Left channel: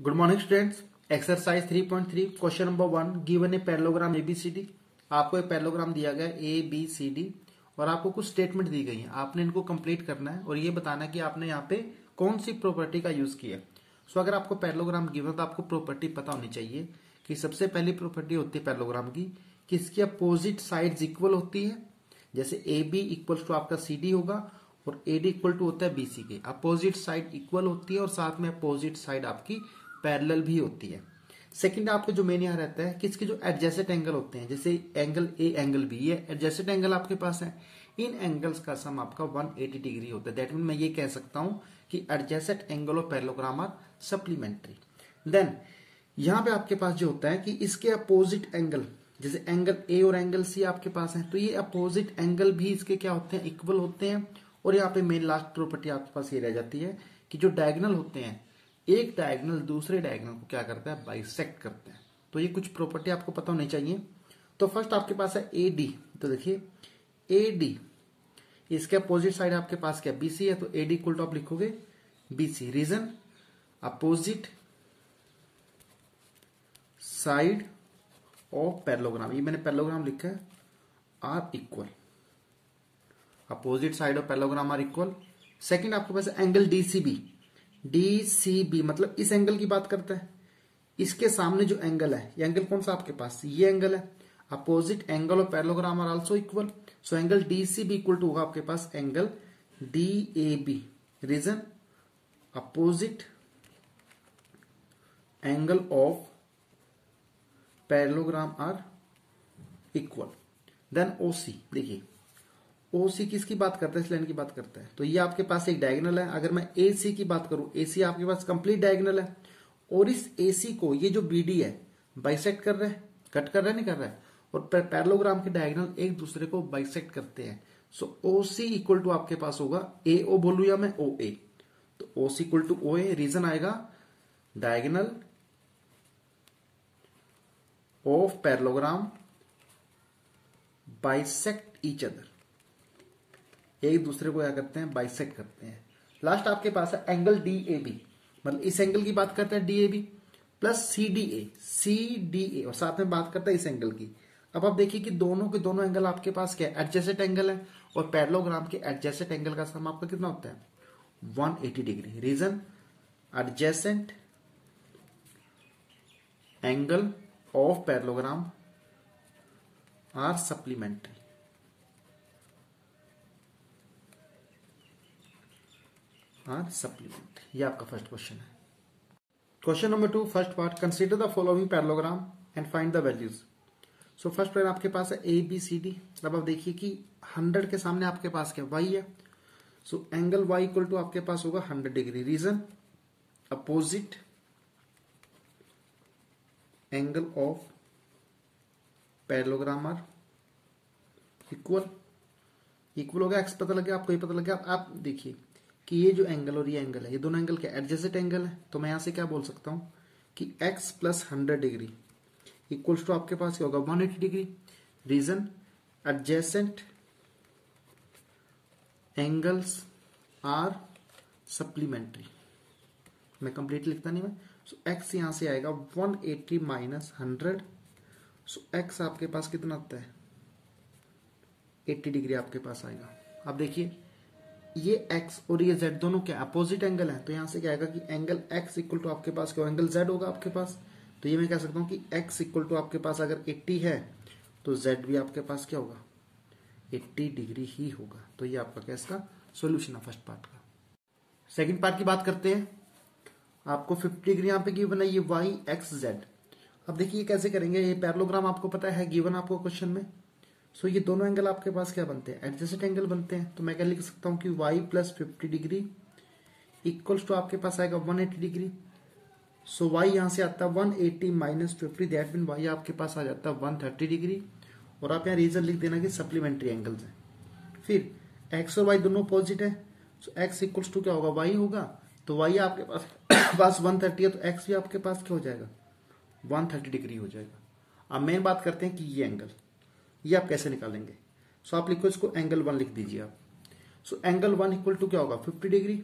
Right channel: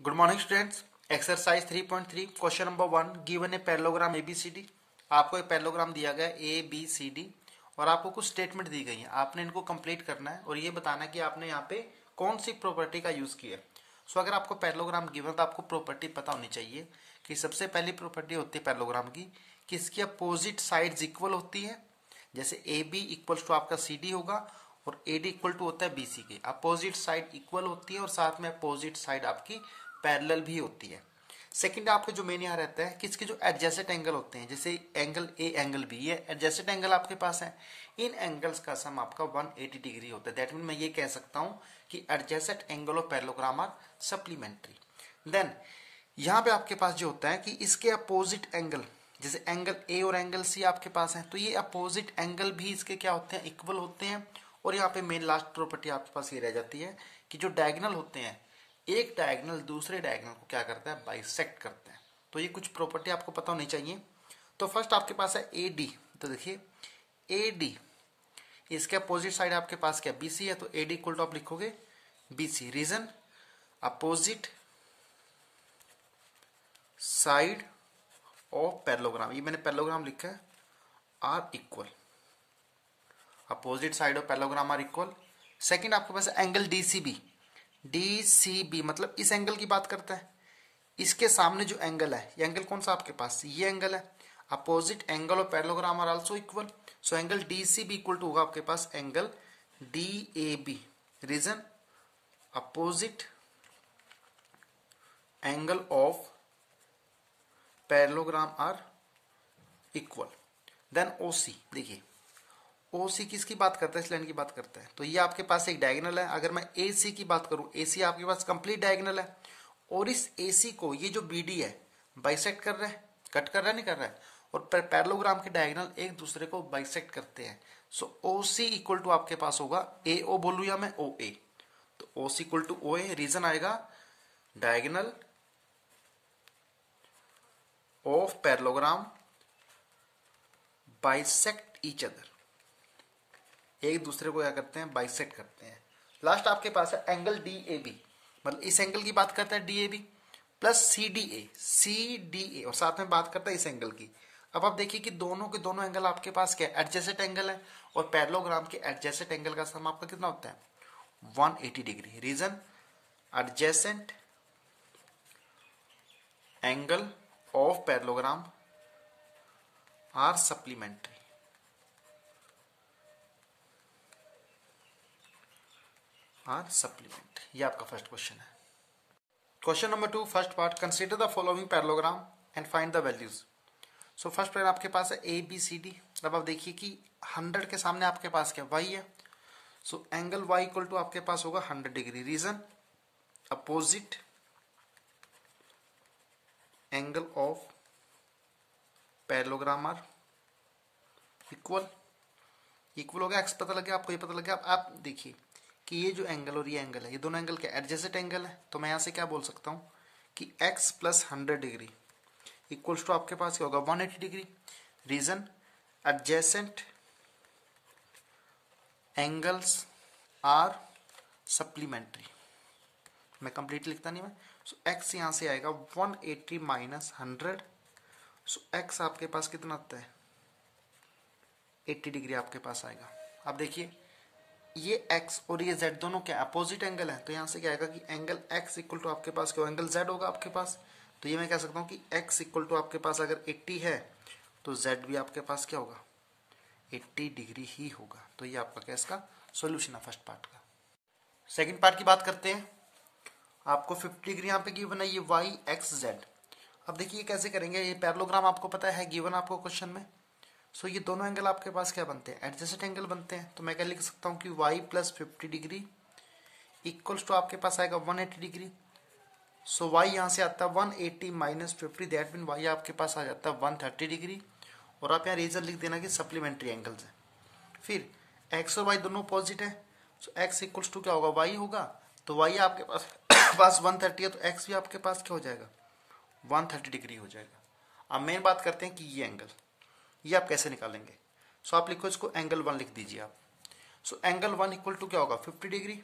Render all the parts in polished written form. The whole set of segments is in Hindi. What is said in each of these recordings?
Good morning students. Exercise 3.3 question number 1 given a parallelogram ABCD. आपको एक पैरेललोग्राम दिया गया ए बी सी डी और आपको कुछ स्टेटमेंट दी गई है। आपने इनको कंप्लीट करना है और ये बताना है कि आपने यहाँ पे कौन सी प्रॉपर्टी का यूज किया है। सो अगर आपको पैरेललोग्राम गिवन तो आपको प्रॉपर्टी पता होनी चाहिए कि सबसे पहली प्रॉपर्टी होती है पैरेललोग्राम की कि इसकी अपोजिट साइड्स इक्वल होती है। जैसे ए बी इक्वल टू आपका सी डी होगा और ए डी इक्वल टू होता है बी सी के। अपोजिट साइड इक्वल होती है और साथ में अपोजिट साइड आपकी पैरेलल भी होती है। सेकंड आपका जो मेन यहाँ रहता है कि इसके जो एडजेसेंट एंगल होते हैं, जैसे एंगल ए एंगल बी, ये एडजेसेंट एंगल आपके पास है। इन एंगल्स का सम आपका 180 डिग्री होता है। दैट मीन मैं ये कह सकता हूं कि adjacent angle of parallelogram are supplementary. Then यहां पे आपके पास जो होता है कि इसके अपोजिट एंगल, जैसे एंगल ए और एंगल सी आपके पास है, तो ये अपोजिट एंगल भी इसके क्या होते हैं, इक्वल होते हैं। और यहाँ पे मेन लास्ट प्रॉपर्टी आपके पास ये रह जाती है कि जो डायगोनल होते हैं, एक डायगोनल दूसरे डायगोनल को क्या करता है, बाइसेक्ट करता है। तो ये कुछ प्रॉपर्टी आपको पता होनी चाहिए। तो फर्स्ट आपके पास है ए डी। तो देखिए ए डी, इसके अपोजिट साइड आपके पास क्या, बीसी है, तो ए डी इक्वल टू आप लिखोगे BC. Reason opposite side of parallelogram, ये मैंने पैरेललोग्राम लिखा है, are equal. Opposite side of parallelogram are equal. Second आपके पास एंगल डीसीबी। डीसीबी मतलब इस एंगल की बात करता है। इसके सामने जो एंगल है, ये एंगल कौन सा आपके पास, ये एंगल है। Opposite angle of parallelogram are also equal. So angle DCB equal to होगा आपके पास angle DAB. Reason opposite angle of parallelogram are equal. Then OC, देखिए ओसी किसकी बात करता है, इस लाइन की बात करता है। तो ये आपके पास एक डायगोनल है। अगर मैं एसी की बात करूं, एसी आपके पास कंप्लीट डायगोनल है और इस एसी को ये जो बीडी है बाइसेक्ट कर रहा है, कट कर रहा है, नहीं कर रहा है। और पैरेललोग्राम के डायगोनल एक दूसरे को बाइसेक्ट करते हैं। सो ओसी इक्वल टू आपके पास होगा ए ओ बोलू या मैं ओ ए, तो ओसी इक्वल टू ओ ए। रीजन आएगा diagonal of parallelogram bisect each other, एक दूसरे को क्या करते हैं, बाइसेक्ट करते हैं। लास्ट आपके पास है एंगल डी ए बी, मतलब इस एंगल की बात करता है D A B plus C D A, C D A और साथ में बात करता है इस एंगल की। अब आप देखिए कि दोनों के दोनों एंगल आपके पास क्या है, एडजेसेंट एंगल है। और पैरेललोग्राम के एडजेसेंट एंगल का सम आपका कितना होता है, 180 degree. Reason adjacent angle of parallelogram are supplementary. Supplement, ये आपका फर्स्ट क्वेश्चन है। Question number 2 first part, consider the following parallelogram and find the values. So first pair आपके पास है ए बी सी डी। अब आप देखिए कि 100 के सामने आपके पास क्या, वाई है। So angle Y equal to आपके पास होगा 100 degree. Reason opposite angle of parallelogram are equal. Equal हो गया, एक्स पता लग गया आपको, ये पता लग गया। आप देखिए कि ये जो एंगल और ये एंगल है, ये दोनों एंगल क्या, एडजेसेंट एंगल है। तो मैं यहां से क्या बोल सकता हूं कि x plus 100 degree equals to आपके पास क्या होगा, 180 degree. Reason adjacent angles are supplementary. मैं कंप्लीट लिखता नहीं मैं। सो x यहां से आएगा 180 माइनस 100। सो x आपके पास कितना आता है, 80 डिग्री आपके पास आएगा। अब देखिए ये x और ये z दोनों क्या अपोजिट एंगल है, तो यहां से क्या आएगा कि एंगल x इक्वल टू आपके पास क्या, एंगल z होगा आपके पास। तो ये मैं कह सकता हूं कि x इक्वल टू आपके पास अगर 80 है तो z भी आपके पास क्या होगा, 80 डिग्री ही होगा। तो ये आपका क्या, इसका सोल्यूशन है फर्स्ट पार्ट का। सेकेंड पार्ट की बात करते हैं। आपको 50 डिग्री यहाँ पे गिवन है, ये y x z। अब देखिए कैसे करेंगे, ये पैरेललोग्राम आपको पता है गिवन आपको क्वेश्चन में। सो ये दोनों एंगल आपके पास क्या बनते हैं, एडजेसेंट एंगल बनते हैं। तो मैं क्या लिख सकता हूं कि y plus 50 degree equals to आपके पास आएगा 180 डिग्री। सो y यहां से आता है 180 माइनस 50, दैट मीन y आपके पास आ जाता है 130 डिग्री। और आप यहाँ रीजन लिख देना कि सप्लीमेंट्री एंगल्स है। फिर x और y दोनों अपोजिट है। सो x इक्वल्स टू क्या होगा, y होगा। तो y आपके पास 130 है, तो x भी आपके पास क्या हो जाएगा, 130 डिग्री हो जाएगा। अब मेन बात करते हैं कि ये एंगल, ये आप कैसे निकालेंगे। सो आप लिखो इसको एंगल 1 लिख दीजिए आप। सो एंगल 1 इक्वल टू क्या होगा, 50 डिग्री।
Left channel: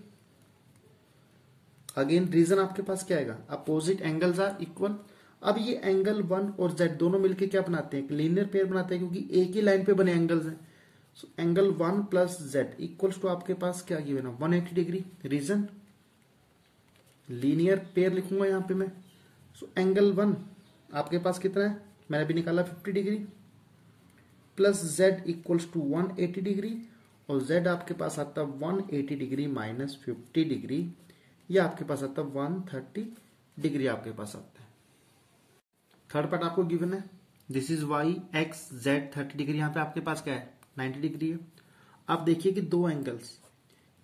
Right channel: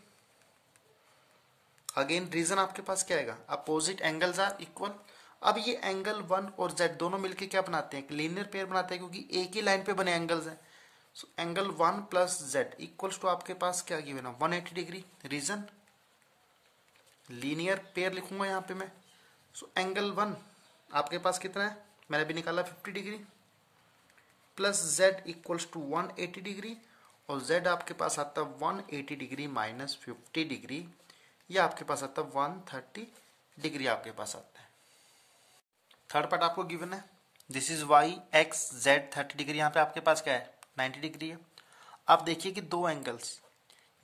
अगेन रीजन आपके पास क्या आएगा, अपोजिट एंगल्स आर इक्वल। अब ये एंगल 1 और z दोनों मिलके क्या बनाते हैं, लीनियर पेयर बनाते हैं, क्योंकि एक ही लाइन पे बने एंगल्स हैं। So angle 1 plus z equals to आपके पास क्या गिवन है, 180 डिग्री। रीजन लीनियर पेयर लिखूंगा यहाँ पे मैं। सो एंगल 1 आपके पास कितना है, मैंने अभी निकाला 50 degree, plus z equals to 180 degree, और z आपके पास आता है 180 डिग्री माइनस 50 डिग्री, या आपके पास आता है 130 डिग्री आपके पास आता है। थर्ड पार्ट आपको गिवन है, this is y x z 30 degree, यहाँ पे आपके पास क्या है 90 डिग्री है। आप देखिए कि दो एंगल्स,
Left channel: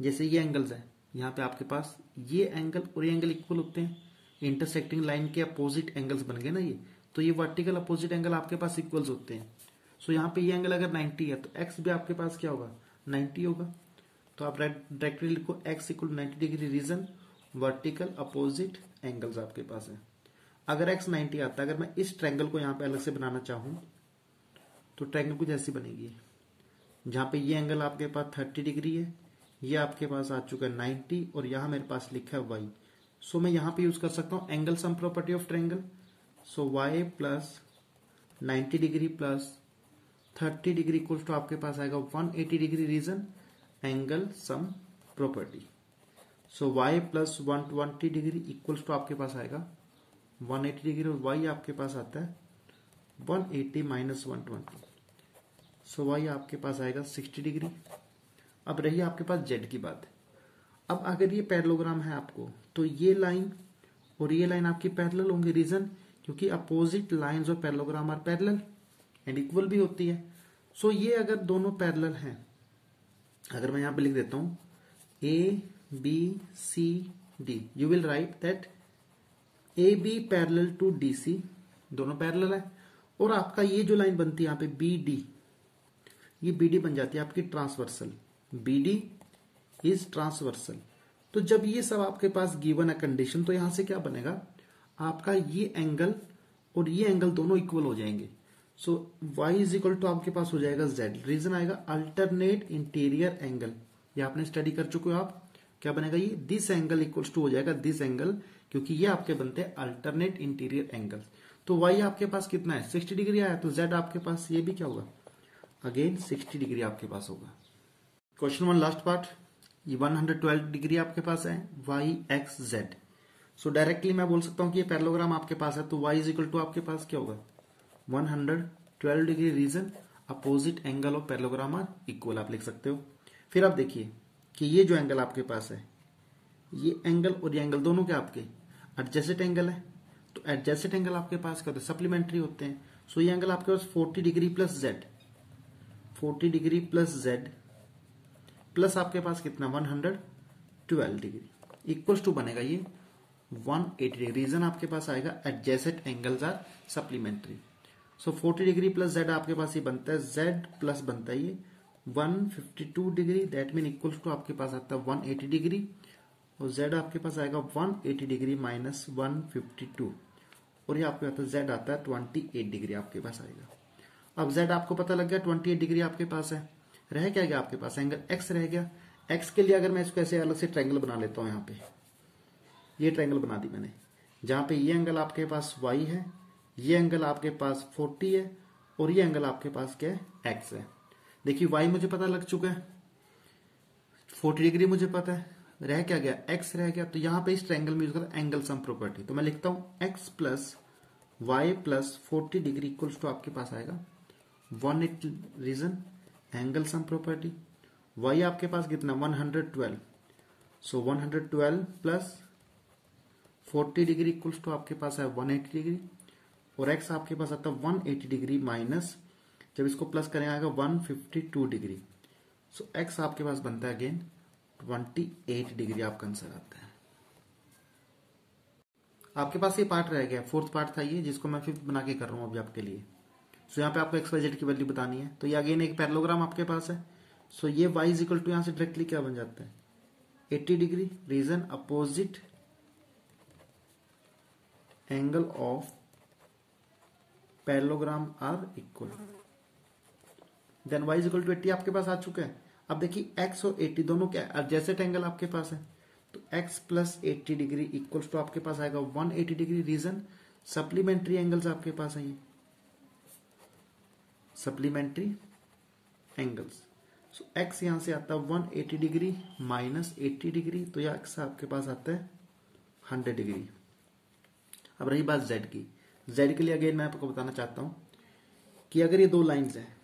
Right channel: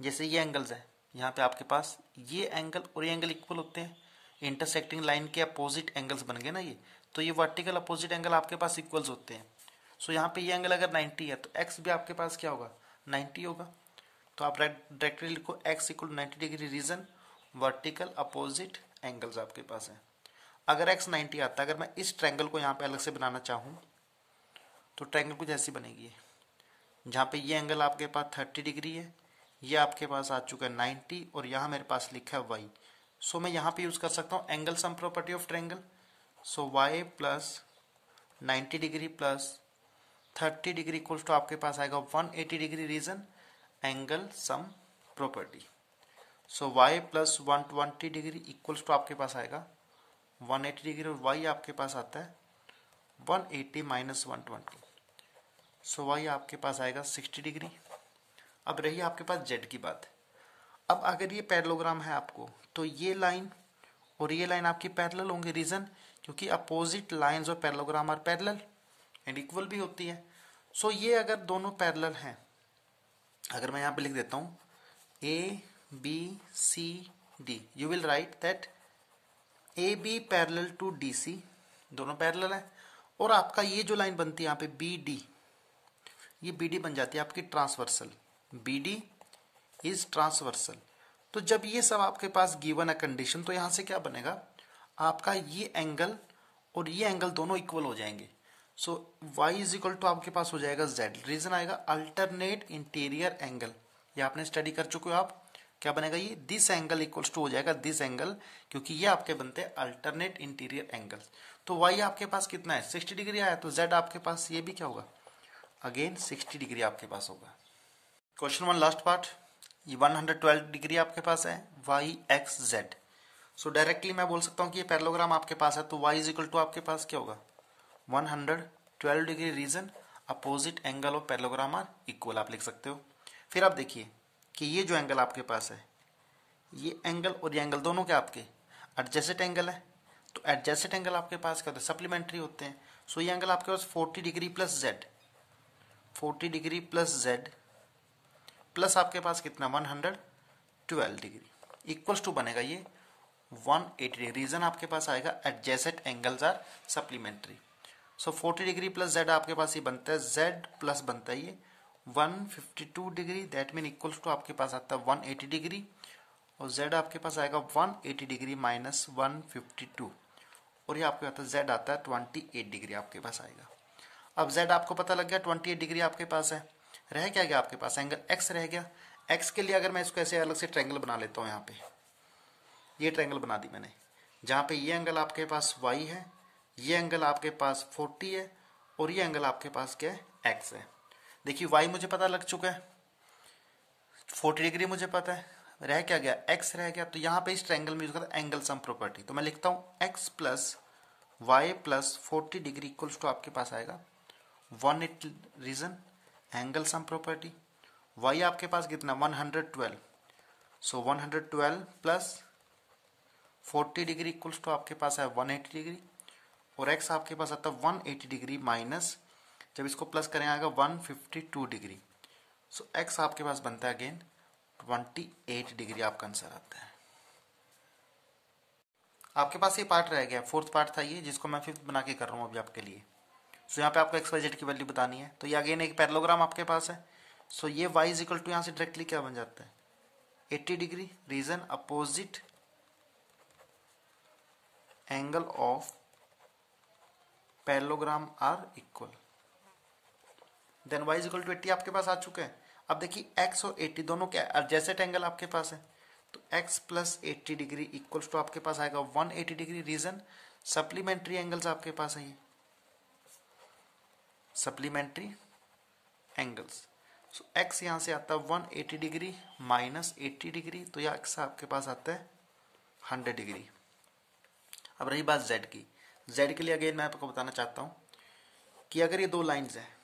जैसे ये एंगल्स है, यहाँ पे आपके पास ये एंगल और ये एंगल इक्वल होते हैं, इंटरसेक्टिंग लाइन के अपोजिट एंगल्स बन गए ना ये, तो ये वर्टिकल अपोजिट एंगल आपके पास इक्वल्स होते हैं। सो यहाँ पे ये एंगल अगर 90 है तो x भी आपके पास क्या होगा, 90 होगा। तो आप डायरेक्टली लिखो x equal 90 degree. Reason vertical opposite angles आपके पास है। अगर x 90 आता है, अगर मैं इस ट्रायंगल को यहाँ पे अलग से बनाना चाहूँ तो ट्रायंगल कुछ ऐसी बनेगी, जहाँ पे ये एंगल आपके पास 30 डिग्री है, ये आपके पास आ चुका है 90, और यहाँ मेरे पास लिखा है y। सो मैं यहाँ पे यूज कर सकता हूँ angle sum property of triangle. So y plus 90 degree plus 30 degree equals to आपके पास आएगा 180 degree. Reason angle sum property. So y plus 120 degree equals to आपके पास आएगा 180 डिग्री, और y आपके पास आता है 180 माइनस 120। सो y आपके पास आएगा 60 डिग्री। अब रही आपके पास z की बात। अब अगर ये पैरेललोग्राम है आपको, तो ये लाइन और ये लाइन आपकी पैरेलल होंगे। रीजन क्योंकि अपोजिट लाइंस और parallelogram are parallel and equal भी होती है। सो ये अगर दोनों पैरेलल हैं, अगर मैं यहाँ पे लिख देता हूँ ABCD, you will write that AB parallel to DC, दोनों पैरेलल है। और आपका ये जो लाइन बनती है यहाँ पे BD, ये BD बन जाती है आपकी ट्रांसवर्सल। BD is transversal. तो जब ये सब आपके पास गिवन है कंडीशन, तो यहां से क्या बनेगा, आपका ये एंगल और ये एंगल दोनों इक्वल हो जाएंगे। सो y इज इक्वल टू आपके पास हो जाएगा z। रीजन आएगा अल्टरनेट इंटीरियर एंगल, ये आपने स्टडी कर चुके हो आप। क्या बनेगा ये, दिस एंगल इक्वल्स टू हो जाएगा दिस एंगल, क्योंकि ये आपके बनते हैं अल्टरनेट इंटीरियर एंगल्स। तो y आपके पास कितना है, 60 डिग्री आया, तो z आपके पास ये भी क्या होगा, अगेन 60 डिग्री आपके पास होगा। क्वेश्चन 1 लास्ट पार्ट, ये 112 डिग्री आपके पास है y x z। सो डायरेक्टली मैं बोल सकता हूँ कि ये पैरेललोग्राम आपके पास है, तो y इज इक्वल टू आपके पास क्या होगा 112 degree. Reason opposite angle of parallelogram are equal, आप लिख सकते हो। फिर आप देखिए कि ये जो एंगल आपके पास है, ये एंगल और ये एंगल दोनों के आपके एडजेसेंट एंगल है। तो एडजेसेंट एंगल आपके पास क्या होते हैं, सप्लीमेंट्री होते हैं। सो ये एंगल आपके पास 40 degree plus z, 40 degree plus z plus आपके पास कितना 112 डिग्री इक्वल्स टू बनेगा ये 180 डिग्री। रीजन आपके पास आएगा adjacent angles are supplementary. So 40 degree plus z आपके पास ये बनता है z प्लस बनता है ये 152 degree, that mean equals to आपके पास आता है 180 डिग्री, और z आपके पास आएगा 180 डिग्री माइनस 152, और ये आपके पास z आता है 28 डिग्री आपके पास आएगा। अब z आपको पता लग गया 28 डिग्री आपके पास है। रह क्या गया आपके पास, एंगल x रह गया। x के लिए अगर मैं इसको ऐसे अलग से ट्रायंगल बना लेता हूँ, यहाँ पे ये ट्रायंगल बना दी मैंने, जहाँ पे ये एंगल आपके पास y है, ये एंगल आपके पास 40 है, और ये एंगल आपके पास क्या है x है। देखिए y मुझे पता लग चुका है, 40 डिग्री मुझे पता है, रह क्या गया x रह गया। तो यहाँ पे इस ट्रायंगल में यूज करता है एंगल सम प्रॉपर्टी। तो मैं लिखता हूँ x plus y plus 40 degree equals to आपके पास आएगा 180। Reason angle sum property. y आपके पास कितना 112, so 112 plus 40 degree equals to आपके पास है 180 डिग्री, और x आपके पास आता है 180 डिग्री माइनस, जब इसको प्लस करें आएगा 152 डिग्री। सो x आपके पास बनता है अगेन 28 डिग्री आपका आंसर आता है। आपके पास ये पार्ट रह गया, फोर्थ पार्ट था ये, जिसको मैं फिर बना के कर रहा हूँ अभी आपके लिए। सो यहाँ पे आपको एक्स वाई जेड की वैल्यू बतानी है। तो ये अगेन एक पैरेललोग्राम आपके पास है। सो ये y इज इक्वल टू यहाँ से डायरेक्टली क्या बन जाता है 80 degree. Reason opposite angle of parallelogram are equal, then y is equal to 80 आपके पास आ चुका है। अब देखिए x और 80 दोनों क्या एडजेसेंट एंगल आपके पास है, तो x plus 80 degree equals to आपके पास आएगा 180 डिग्री। रीजन सप्लीमेंट्री एंगल्स आपके पास है, ये सप्लीमेंट्री एंगल्स। सो x यहां से आता है 180 डिग्री माइनस 80 डिग्री, तो यह x आपके पास आता है 100 डिग्री। अब रही बात z की, z के लिए अगेन मैं आपको बताना चाहता हूं कि अगर ये दो लाइंस हैं,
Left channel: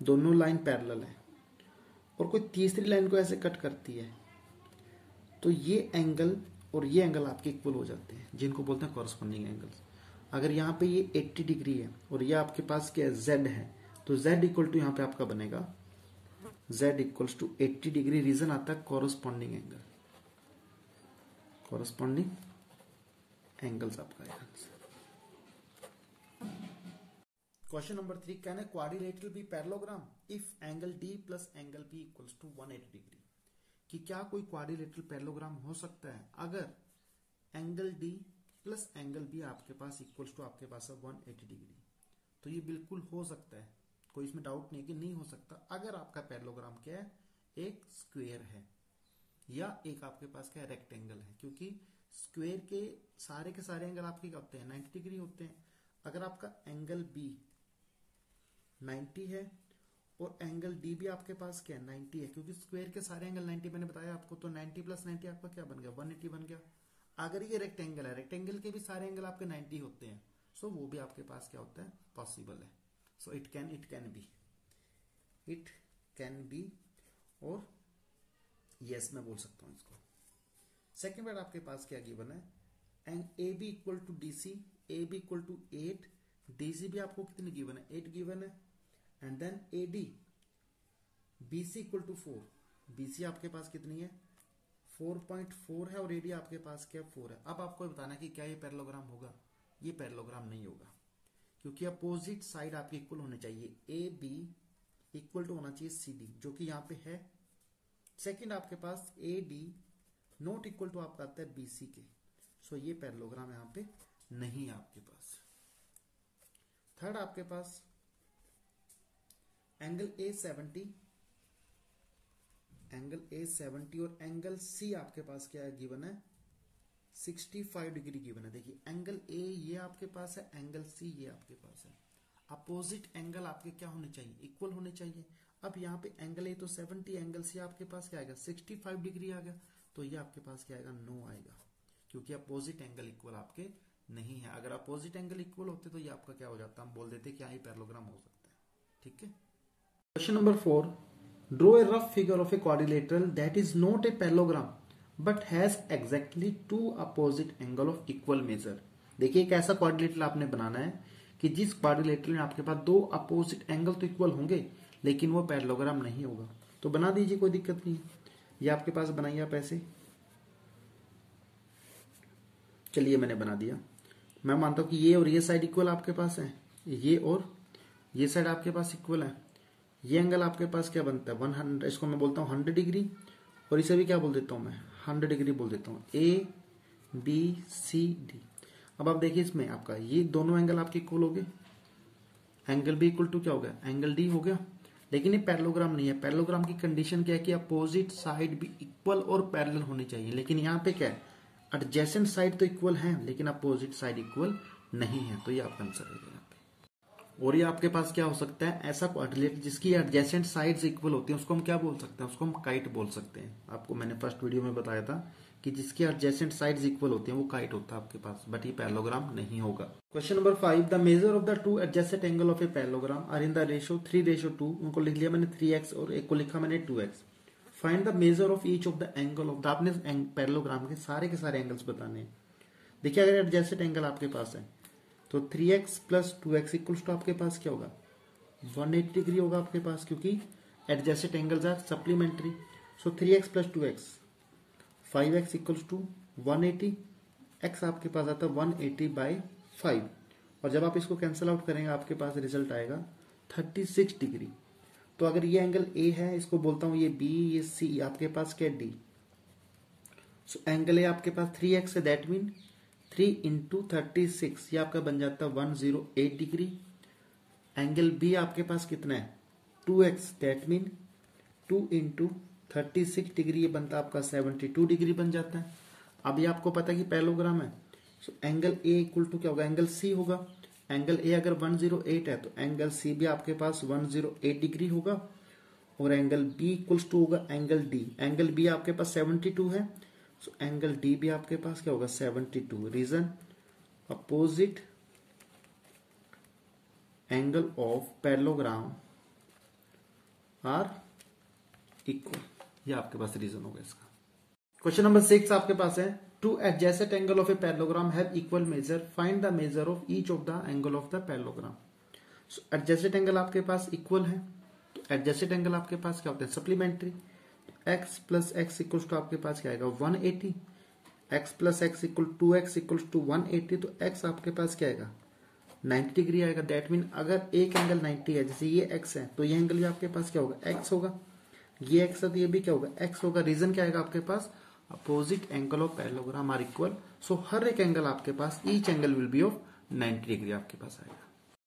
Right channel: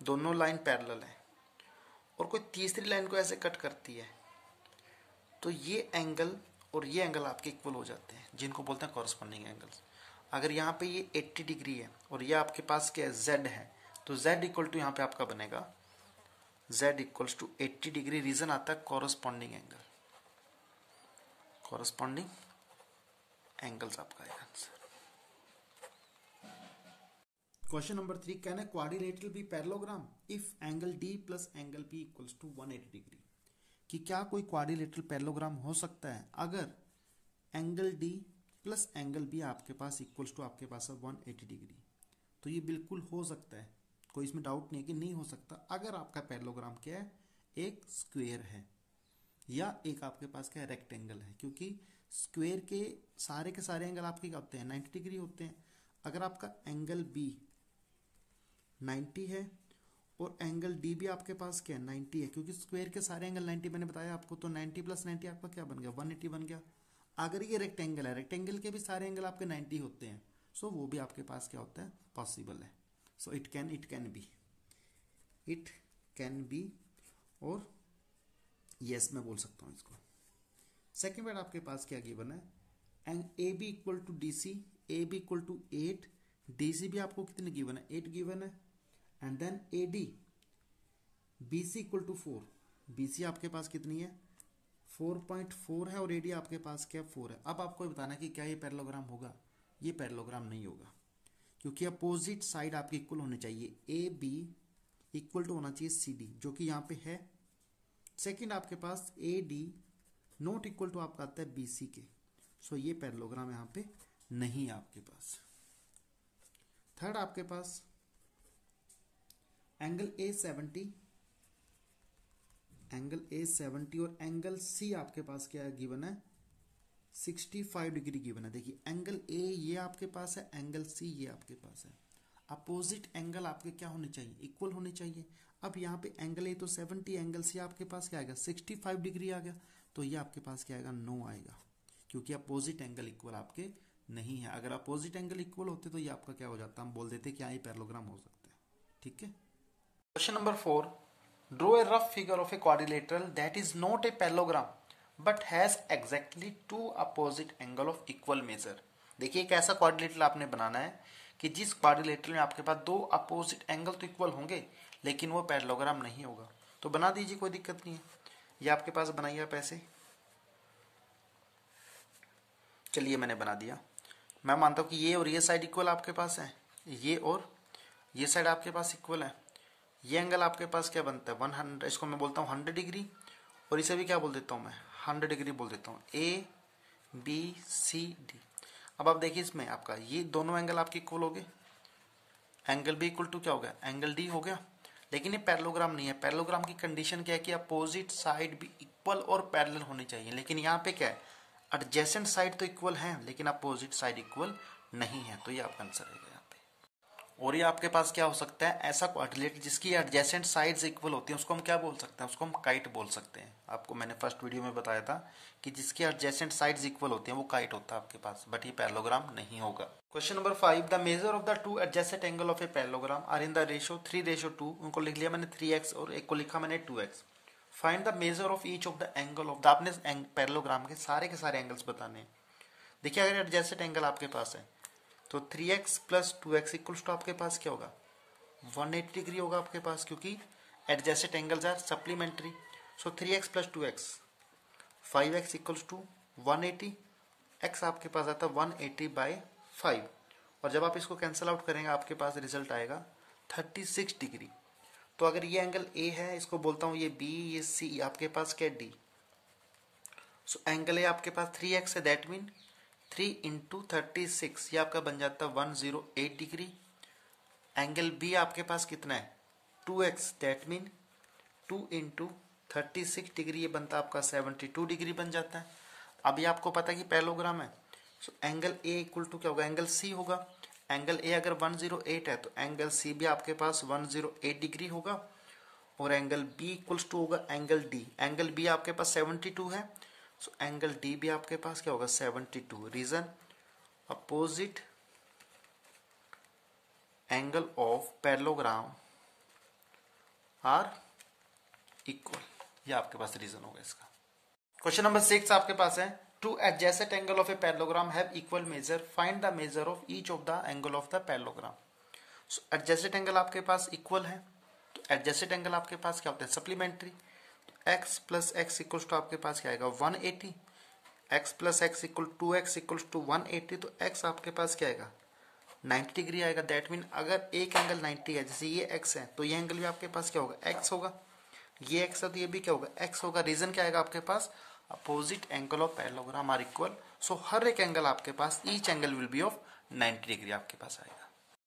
दोनों लाइन पैरेलल है और कोई तीसरी लाइन को ऐसे कट करती है, तो ये एंगल और ये एंगल आपके इक्वल हो जाते हैं, जिनको बोलते हैं कॉरस्पॉन्डिंग एंगल्स। अगर यहाँ पे ये 80 डिग्री है और ये आपके पास क्या है z है, तो z इक्वल टू यहाँ पे आपका बनेगा z equals to 80 degree. Reason आता है कॉरस्पॉन्डिंग एंगल, कॉरस्पॉन्डिंग एंगल्स आपका answer. Question number 3, can a quadrilateral be parallelogram if angle D plus angle B equals to 180 degree. कि क्या कोई क्वाड्रिलेटरल पैरेललोग्राम हो सकता है अगर angle D plus angle B आपके पास इक्वल्स टू आपके पास है 180 डिग्री। तो ये बिल्कुल हो सकता है, कोई इसमें डाउट नहीं कि नहीं हो सकता। अगर आपका पैरेललोग्राम क्या है, एक स्क्वायर है या एक आपके पास क्या है रेक्टेंगल है, क्योंकि स्क्वायर के सारे एंगल आपके क्या होते हैं 90 डिग्री होते हैं। अगर आपका एंगल B 90 है और एंगल D भी आपके पास क्या है 90 है, क्योंकि स्क्वायर के सारे एंगल 90 मैंने बताया आपको, तो 90 प्लस 90 आपका क्या बन गया 180 बन गया। अगर ये रेक्टेंगल है, रेक्टेंगल के भी सारे एंगल आपके 90 होते हैं, सो वो भी आपके पास क्या होता है पॉसिबल है। सो इट कैन बी और यस मैं बोल सकता हूं इसको। सेकेंड वर्ड आपके पास क्या गिवन है, and A B equal to D C, A B equal to 8, D C भी आपको कितने गिवन है 8 गिवन है, and then A D B C equal to 4, B C आपके पास कितनी है 4.4 है और ए डी आपके पास क्या 4 है। अब आपको बताना कि क्या ये पैरेललोग्राम होगा, ये पैरेललोग्राम नहीं होगा, क्योंकि अपोजिट साइड आपकी इक्वल होनी चाहिए। ए बी इक्वल टू होना चाहिए सी डी, जो कि यहाँ पे है। सेकंड आपके पास A D not equal to आपका आता है बी सी के, सो ये पैरेललोग्राम यहाँ पे नहीं है आपके पास। थर्ड आपके पास एंगल ए 70, एंगल ए 70 और एंगल सी आपके पास क्या गिवन है 65 डिग्री गिवन है। देखिए एंगल ए ये आपके पास है, एंगल सी ये आपके पास है। अपोजिट एंगल आपके क्या होने चाहिए इक्वल होने चाहिए। अब यहाँ पे एंगल ए तो 70, एंगल सी आपके पास क्या आएगा 65 डिग्री आ गया, तो ये आपके पास क्या आएगा 9 आएगा, क्योंकि अपोजिट एंगल इक्वल आपके नहीं है। अगर अपोजिट एंगल इक्वल होते तो ये आपका क्या हो जाता, हम बोल देते क्या ये पैरेललोग्राम हो सकता है। ठीक है। Question number 4, draw a rough figure of a quadrilateral that is not a parallelogram but has exactly 2 opposite angle of equal major. देखिए एक ऐसा क्वाड्रिलेटरल आपने बनाना है कि जिस क्वाड्रिलेटरल में आपके पास 2 अपोजिट एंगल तो इक्वल होंगे लेकिन वो पैरेललोग्राम नहीं होगा। तो बना दीजिए, कोई दिक्कत नहीं है। ये आपके पास बनाइए आप ऐसे, चलिए मैंने बना दिया। मैं मानता हूं कि ये और ये साइड इक्वल आपके पास है, ये और ये साइड आपके पास इक्वल है। ये एंगल आपके पास क्या बनता है 100, इसको मैं बोलता हूं 100 डिग्री, और इसे भी क्या बोल देता हूं मैं 100 डिग्री बोल देता हूं, ए बी सी डी। अब आप देखिए इसमें आपका ये दोनों एंगल आपके इक्वल हो गए, एंगल बी इक्वल टू क्या हो गया एंगल डी हो गया। लेकिन ये पैरेललोग्राम नहीं है। पैरेललोग्राम की कंडीशन क्या है कि अपोजिट साइड भी इक्वल और पैरेलल होनी चाहिए, लेकिन यहाँ पे क्या है एडजेसेंट साइड तो इक्वल है लेकिन अपोजिट साइड इक्वल नहीं है, तो ये आपका आंसर है यहाँ पे। और ये आपके पास क्या हो सकता है ऐसा क्वाड्रिलेटरल जिसकी एडजेसेंट साइड्स इक्वल होती हैं, उसको हम क्या बोल सकते हैं, उसको हम काइट बोल सकते हैं। आपको मैंने फर्स्ट वीडियो में बताया था कि जिसकी एडजेसेंट साइड्स इक्वल होती हैं वो काइट होता है आपके पास, बट ये पैरेललोग्राम नहीं होगा। Question number 5, the measure of the 2 adjacent angle of a parallelogram are in the ratio 3:2। उनको लिख लिया मैंने 3x और एक को लिखा मैंने 2x। Find the measure of each of the angle of the, आपने पैरेललोग्राम के सारे एंगल्स बताने हैं। देखिए अगर एडजेसेंट एंगल आपके पास है तो 3x plus 2x equals to आपके पास क्या होगा 180 डिग्री होगा आपके पास, क्योंकि adjacent angles are supplementary. So 3x plus 2x 5x equals to 180, x आपके पास आता है 180/5, और जब आप इसको कैंसिल आउट करेंगे आपके पास रिजल्ट आएगा 36 डिग्री। तो अगर ये एंगल A है, इसको बोलता हूं ये B, ये C, आपके पास क्या D। सो एंगल A आपके पास 3x है, दैट मीन 3 इंटू 36, ये आपका बन जाता है 108 डिग्री। एंगल B आपके पास कितना है 2x, that mean 2 into 36 degree, ये बनता है आपका 72 डिग्री बन जाता है। अभी आपको पता है कि पैरेललोग्राम है, so angle A equal to क्या होगा, एंगल सी होगा। एंगल ए अगर 108 है तो एंगल सी भी आपके पास 108 डिग्री होगा, और एंगल बी इक्वल्स टू होगा एंगल डी। एंगल बी आपके पास 72 है, सो एंगल डी भी आपके पास क्या होगा, 72। Reason opposite angle of parallelogram are equal, ये आपके पास रीजन होगा इसका। क्वेश्चन नंबर 6 आपके पास है, two adjacent angle of a parallelogram have equal major, find the measure of each of the angle of the parallelogram. So adjacent angle आपके पास इक्वल है, तो एडजेसेंट एंगल आपके पास क्या होता है, supplementary. x plus X equal to आपके पास क्या आएगा, 180। x plus X equal 2x equal to 180, तो x आपके पास क्या आएगा, 90 डिग्री आएगा। दैट मीन अगर एक एंगल 90 है, जैसे ये x है, तो ये एंगल भी आपके पास क्या होगा, x होगा। ये x है तो ये भी क्या होगा, x होगा। रीजन क्या आएगा आपके पास, opposite angle of parallelogram are equal. So हर एक एंगल आपके पास, each angle will be of 90 degree आपके पास आएगा।